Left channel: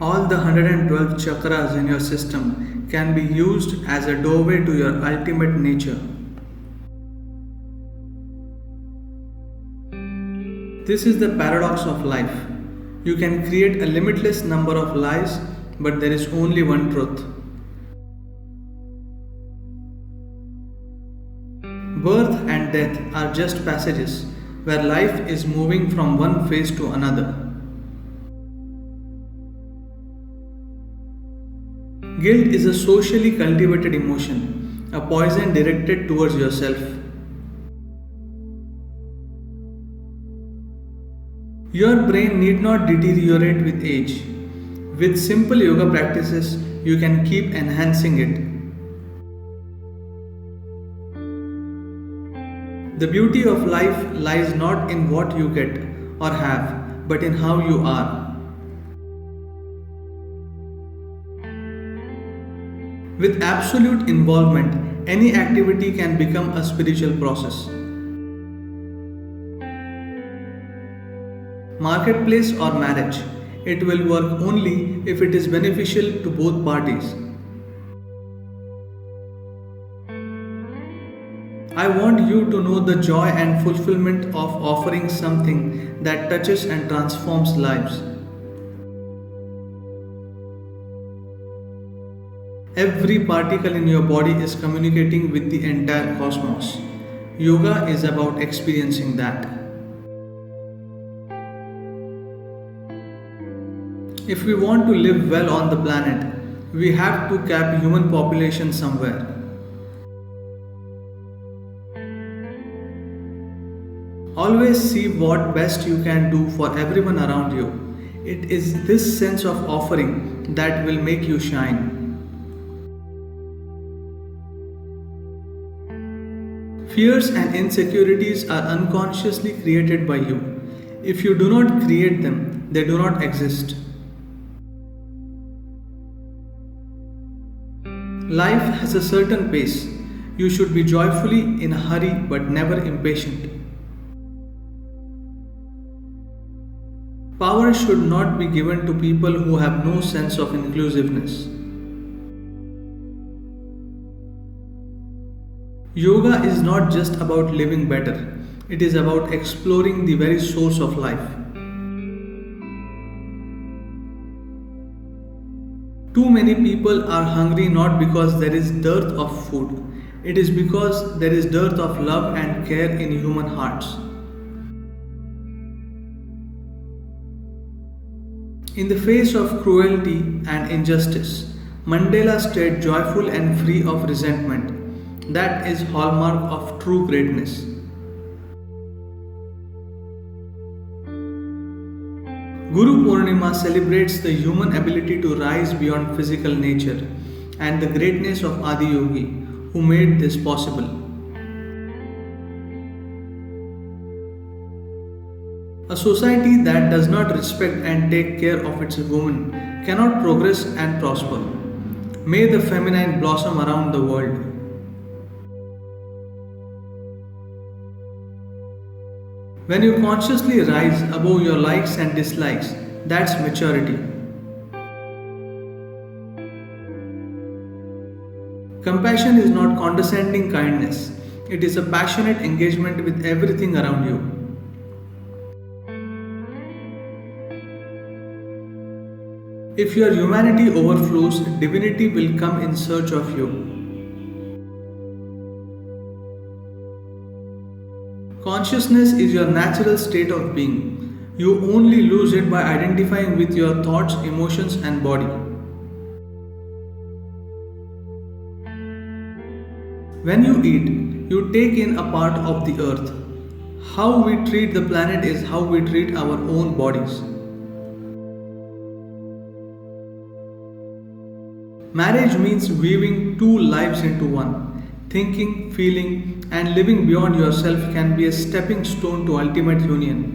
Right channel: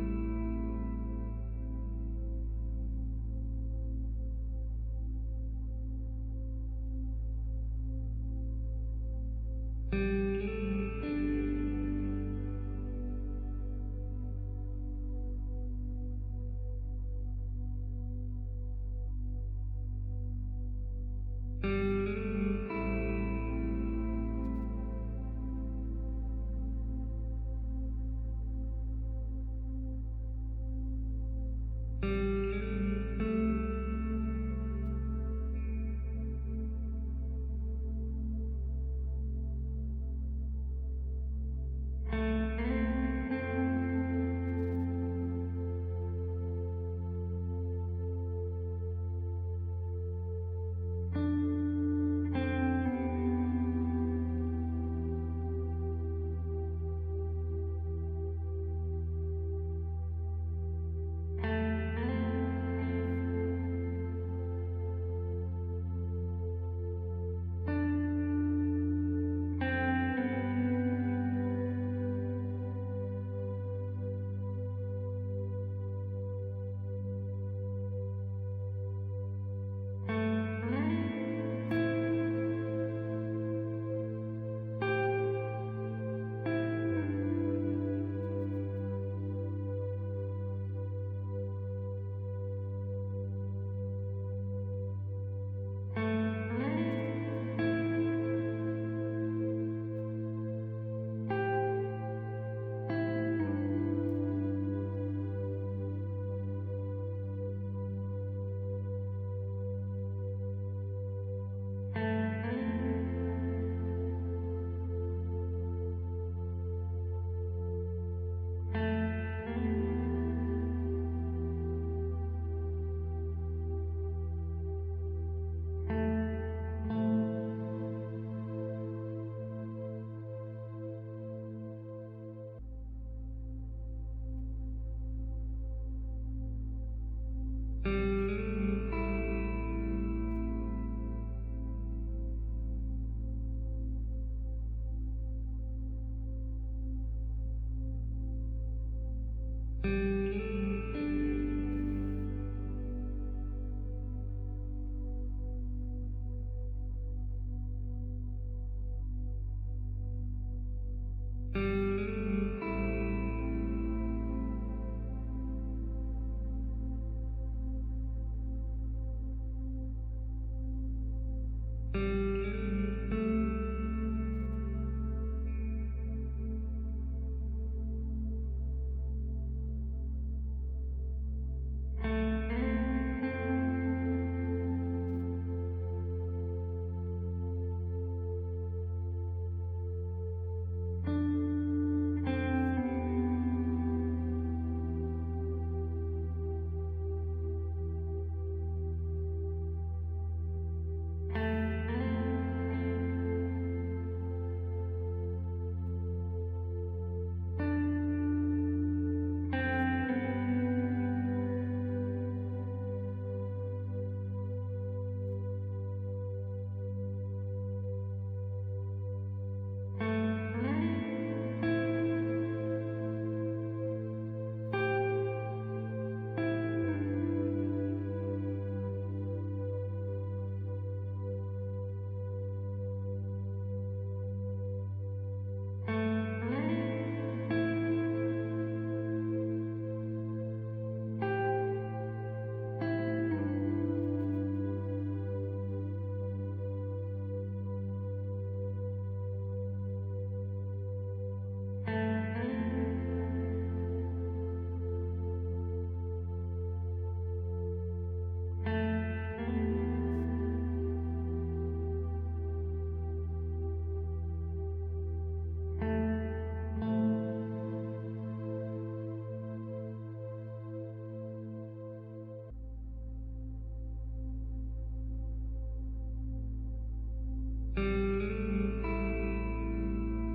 All the 112 chakras in your system can be used as a doorway to your ultimate nature. This is the paradox of life. You can create a limitless number of lies, but there is only one truth. Birth and death are just passages where life is moving from one phase to another. Guilt is a socially cultivated emotion, a poison directed towards yourself. Your brain need not deteriorate with age. With simple yoga practices, you can keep enhancing it. The beauty of life lies not in what you get or have, but in how you are. With absolute involvement, any activity can become a spiritual process. Marketplace or marriage, it will work only if it is beneficial to both parties. I want you to know the joy and fulfillment of offering something that touches and transforms lives. Every particle in your body is communicating with the entire cosmos. Yoga is about experiencing that. If we want to live well on the planet, we have to cap human population somewhere. Always see what best you can do for everyone around you. It is this sense of offering that will make you shine. Fears and insecurities are unconsciously created by you. If you do not create them, they do not exist. Life has a certain pace. You should be joyfully in a hurry but never impatient. Power should not be given to people who have no sense of inclusiveness. Yoga is not just about living better, it is about exploring the very source of life. Too many people are hungry not because there is dearth of food, it is because there is dearth of love and care in human hearts. In the face of cruelty and injustice, Mandela stayed joyful and free of resentment. That is hallmark of true greatness. Guru Purnima celebrates the human ability to rise beyond physical nature and the greatness of Adi Yogi who made this possible. A society that does not respect and take care of its women cannot progress and prosper. May the feminine blossom around the world. When you consciously rise above your likes and dislikes, that's maturity. Compassion is not condescending kindness, it is a passionate engagement with everything around you. If your humanity overflows, divinity will come in search of you. Consciousness is your natural state of being. You only lose it by identifying with your thoughts, emotions, and body. When you eat, you take in a part of the earth. How we treat the planet is how we treat our own bodies. Marriage means weaving two lives into one. Thinking, feeling, and living beyond yourself can be a stepping stone to ultimate union.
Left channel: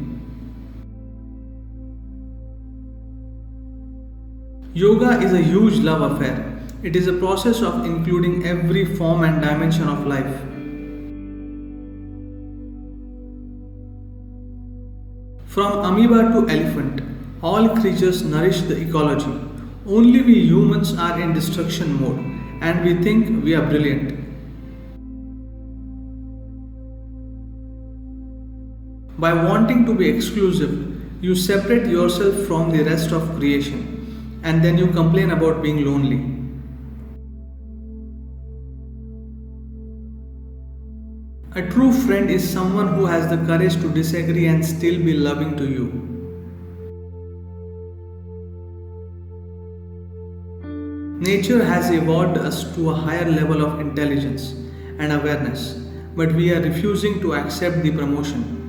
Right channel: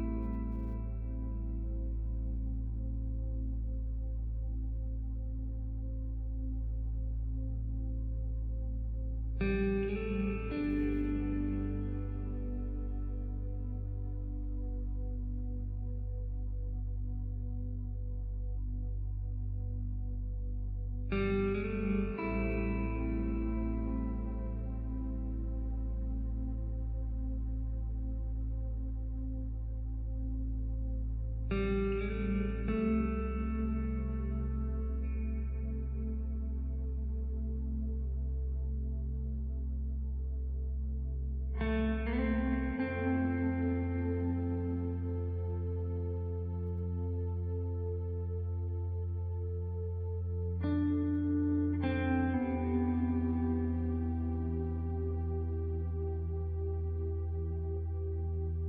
Yoga is a huge love affair. It is a process of including every form and dimension of life. From amoeba to elephant, all creatures nourish the ecology. Only we humans are in destruction mode and we think we are brilliant. By wanting to be exclusive, you separate yourself from the rest of creation and then you complain about being lonely. A true friend is someone who has the courage to disagree and still be loving to you. Nature has evolved us to a higher level of intelligence and awareness, but we are refusing to accept the promotion.